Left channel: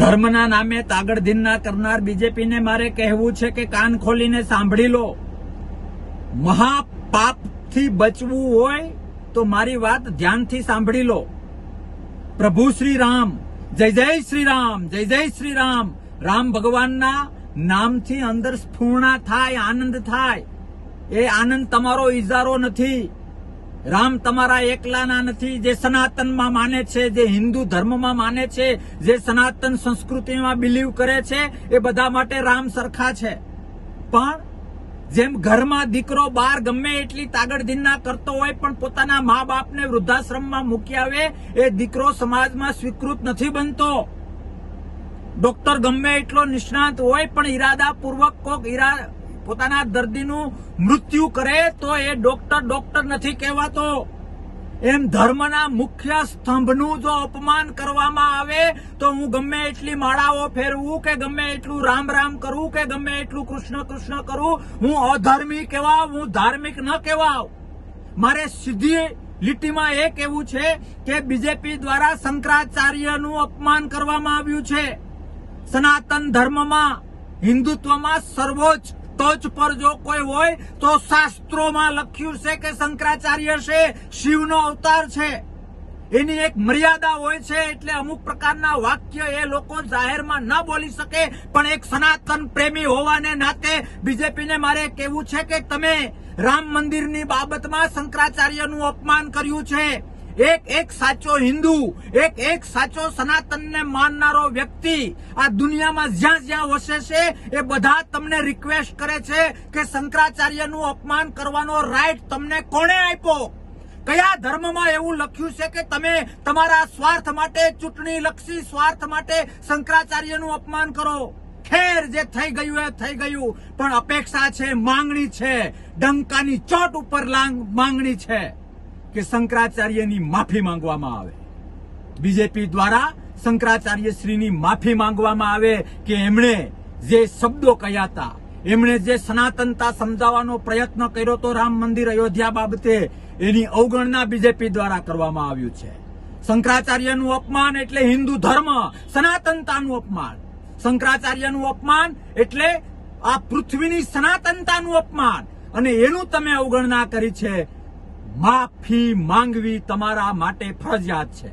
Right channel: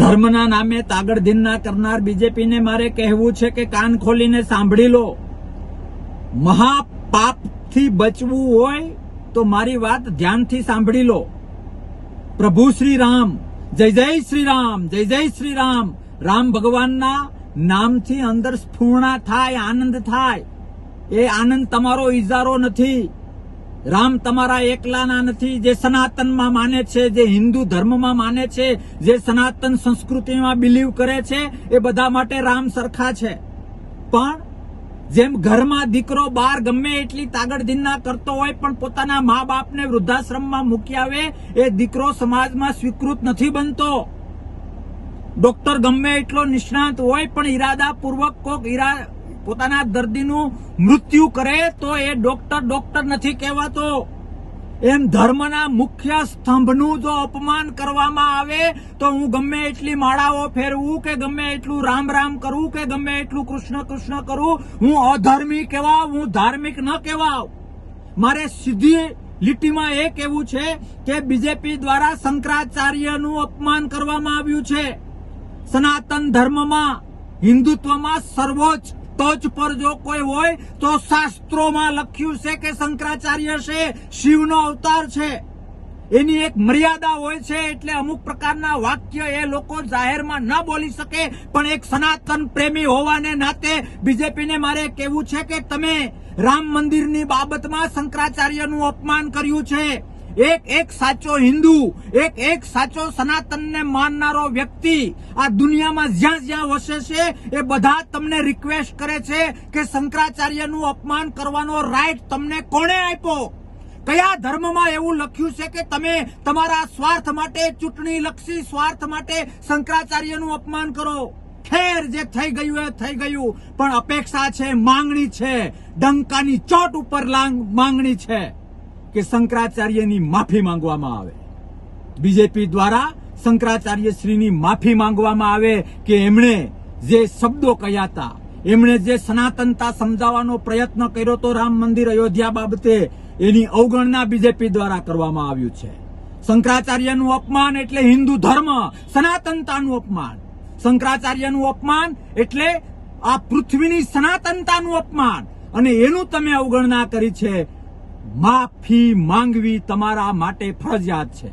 ધર્મના નામે તાગડધીનના કરનાર બીજેપીને મારે કહેવું છે કે કાન ખોલીને સાંભળી લો. મહાપાપથી બચવું હોય તો મારી વાત ધ્યાનથી સાંભળી લો. પ્રભુ શ્રી રામ, જય જય શ્રી રામ, જય જય શ્રી રામ. રામ ભગવાનના નામથી અંદર સ્ફૂર્ણા થાય, આનંદ થાય. એ આનંદ તમારો ઈજારો નથી. રામ તમારા એકલાના નથી. જે સનાતનમાં માને છે, જે હિન્દુ ધર્મમાં માને છે, જે સનાતન સંસ્કૃતિમાં બિલીવ કરે છે, એ બધા માટે રામ સરખા છે. પણ જેમ ઘરમાં દીકરો બહાર ગમે એટલી તાગડધીનના કરતો હોય પણ પોતાના મા બાપને વૃદ્ધાશ્રમમાં મૂકી આવે, એ દીકરો સમાજમાં સ્વીકૃત નથી બનતો. ડોક્ટર ગમે એટલો નિષ્ણાંત હોય પણ ઈરાદાપૂર્વક કોક પોતાના દર્દીનું મૃત્યુ કરે તો એ ડોક્ટર નથી કહેવાતો. એમ ધર્મના મુખ્ય સ્તંભનું જો અપમાન કરવામાં આવે તો હું ગમે એટલી માળાઓ ફેરવું કે ગમે એટલું રામ રામ કરું કે ગમે એટલું કૃષ્ણ કૃષ્ણ કરું, હું અધર્મી કહેવાવ, હું ધાર્મિક ન કહેવાવ. મારે સીધી લીટીમાં એ કહેવું છે કે બીજેપી દ્વારા શંકરાચાર્યનું અપમાન કરવામાં આવ્યું છે. સનાતન ધર્મમાં, હિન્દુત્વમાં સર્વોચ્ચ ટોચ પર જો કોઈ હોય તો શાસ્ત્રોમાં લખ્યું છે કે શંકરાચાર્ય છે, શિવનો અવતાર છે. એની એક મર્યાદા હોય છે, એટલે અમુક પ્રકારના વાક્ય એ લોકો જાહેરમાં ન બોલી શકે. પણ એક સનાતન પ્રેમી હોવાને નાતે બીજેપીને મારે કહેવું છે કે તમે રામ મંદિરની બાબતમાં શંકરાચાર્યનું અપમાન કર્યું છે. એક સાચો હિન્દુ, એક સાચો સનાતનને માનનારો વ્યક્તિ આ દુનિયામાં જ્યાં જ્યાં વસે છે એ બધા તમને રિક્વેસ્ટ કરે છે કે શંકરાચાર્યનું અપમાન કરવાનો રાઈટ તમને કોણે આપ્યો? કયા ધર્મમાં એવું લખ્યું છે કે તમે તમારા સ્વાર્થ માટે, ચૂંટણીલક્ષી સ્વાર્થ માટે શંકરાચાર્યનું અપમાન કરો? ખેર, જે થઈ ગયું એ થઈ ગયું, પણ અપેક્ષા છે, માંગણી છે, ડંકાની ચોટ ઉપર માંગણી છે કે શંકરાચાર્યની માફી માંગવામાં આવે. બીજેપી દ્વારા શંકરાચાર્ય શ્રીની માફી માંગવામાં આવે કે એમણે જે શબ્દો કહ્યા હતા, એમણે જે સનાતનતા સમજાવવાનો પ્રયત્ન કર્યો તો રામ મંદિર અયોધ્યા બાબતે, એની અવગણના બીજેપી દ્વારા કરવામાં આવ્યું છે. શંકરાચાર્યનું અપમાન એટલે હિન્દુ ધર્મ, સનાતનતાનું અપમાન. શંકરાચાર્યનું અપમાન એટલે આ પૃથ્વીની સનાતનતાનું અપમાન, અને એનું તમે અવગણના કરી છે. માફી માંગવી તમારા માટે ફરજિયાત છે.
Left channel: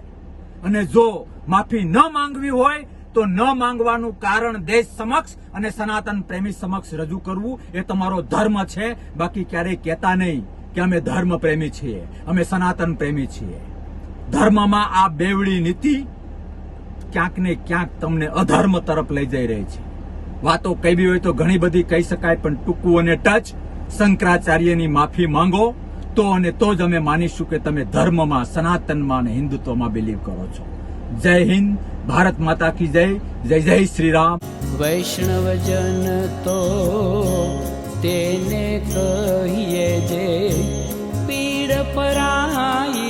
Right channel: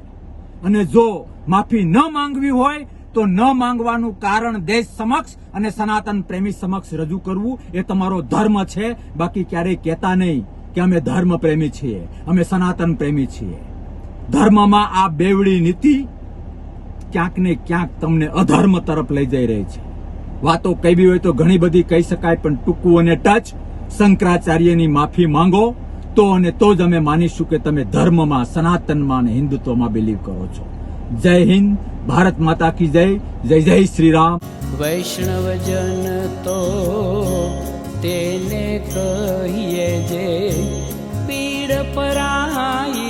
અને જો માફી ન માંગવી હોય તો ન માંગવાનું કારણ દેશ સમક્ષ અને સનાતન પ્રેમી સમક્ષ રજૂ કરવું એ તમારો ધર્મ છે. બાકી ક્યારેય કહેતા નહીં કે અમે ધર્મ પ્રેમી છીએ, અમે સનાતન પ્રેમી છીએ. ધર્મમાં આ બેવડી નીતિ ક્યાંક ને ક્યાંક તમને અધર્મ તરફ લઈ જઈ રહી છે. વાતો કહેવી હોય તો ઘણી બધી કહી શકાય, પણ ટૂંકું અને ટચ શંકરાચાર્યની માફી માંગો તો અને તો જ અમે માનીશું કે તમે ધર્મમાં, સનાતનમાં અને હિન્દુત્વમાં બિલીવ કરો છો. જય હિન્દ, ભારત માતા કી જય, જય જય શ્રી રામ. વૈષ્ણવજન તો તેને કહીએ જે પીડ પરાઈ.